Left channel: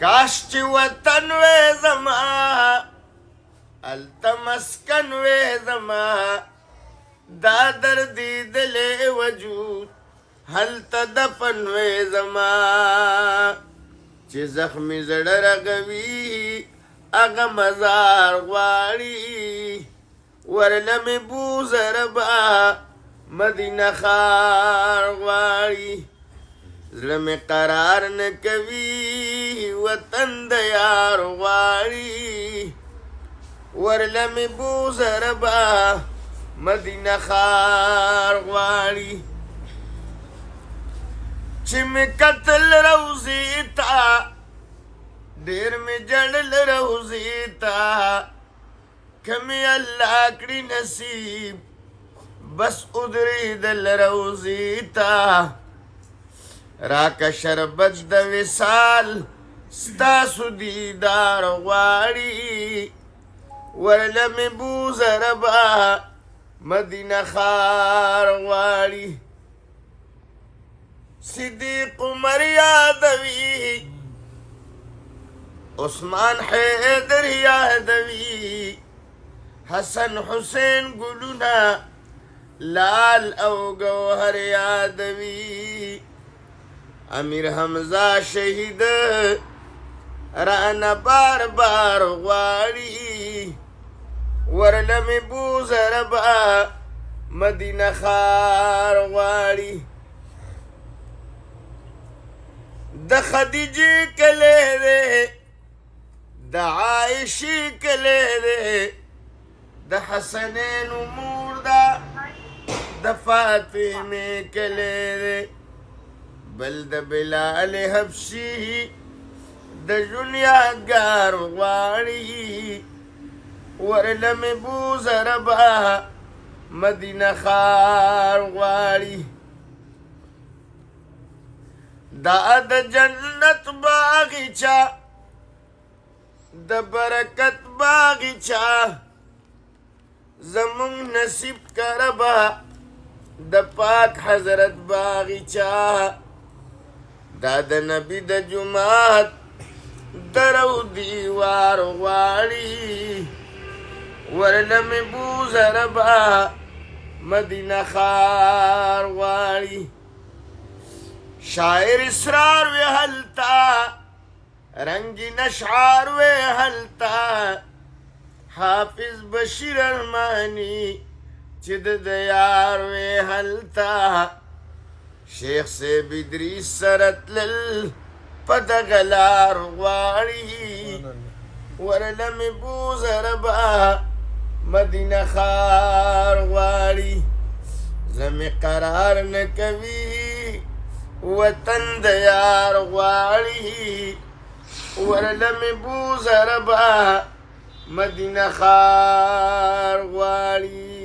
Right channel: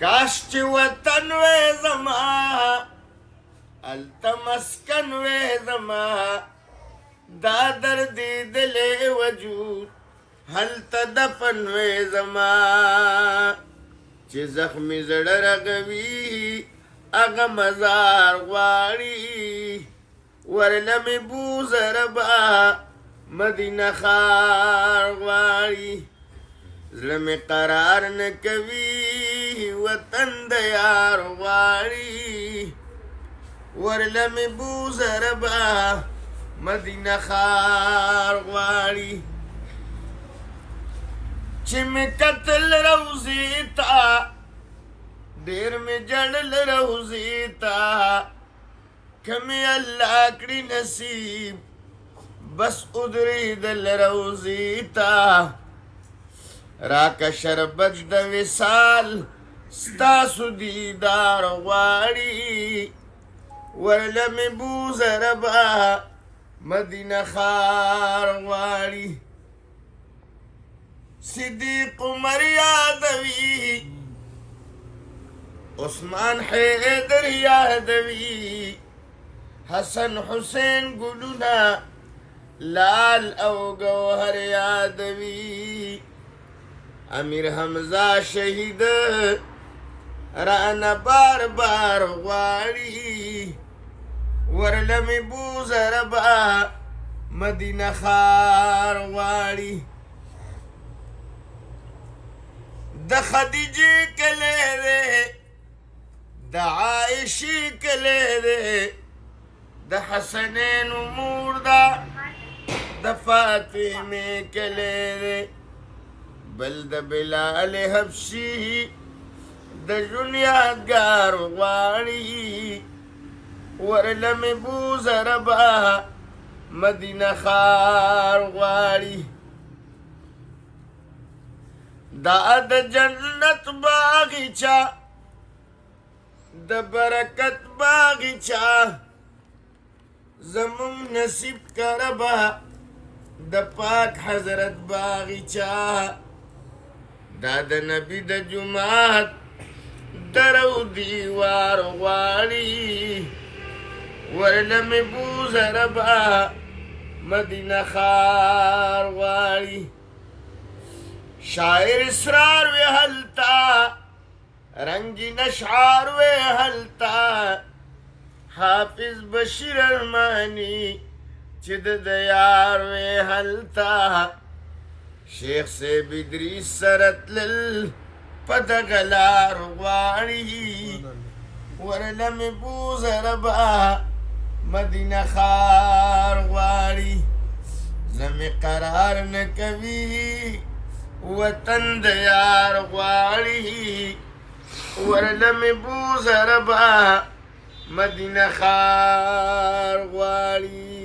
کاش چې وطن وې زما هلته مسکن وې زما دا دردېدلی وجود هلته دفن وې زما چې زخمي زړه رغوي هغه مزار غواړي ورله مې بوزه ربا مدینه ښار غواړي زړه مې قرار نه کوي وطن د یار غواړي ورله مې بوزه ربا مدینه ښار غواړي چې مې کتل روضې ته ډېر مې جړل روضې ته که مې الله کړي نصیب بس ادرېدل روضې ته راکه شربت د وصال ستاسو دیدار غواړي ورله مې بوزه ربا مدینه ښار غواړي صدیق عمر یادوي عثمان حیدر یادوي حسن حسین ګلونه لال او گوهر یادوي امیر حمزه شهید رانه بار بار غواړي ورله مې بوزه ربا مدینه ښار غواړي د خدیجې کلی دی د عایشې کلی دی د حسنینو مور ده د فاطمې کلی دی بل د بلال حبشي د ژوند یادګار غواړي ورله مې بوزه ربا مدینه ښار غواړي دا د جنت باغچه د برکت باغچه زمون نصیب کربا د پاک حضرت باغچه دا د نبی د جماعت درو دیوار غواړي ورله مې بوزه ربا مدینه ښار غواړي شاعر اسرار وی هلتا رنگین اشعار وی هلتا حافظ بشیر ارمانی چې د یار وی هلتا شیخ صاحب ادریس سره تلل په دغه لار غواړي ورله مې بوزه ربا مدینه ښار غواړي زړه مې قرار نه کوي وطن د یار غواړي ورله مې بوزه ربا مدینه ښار غواړي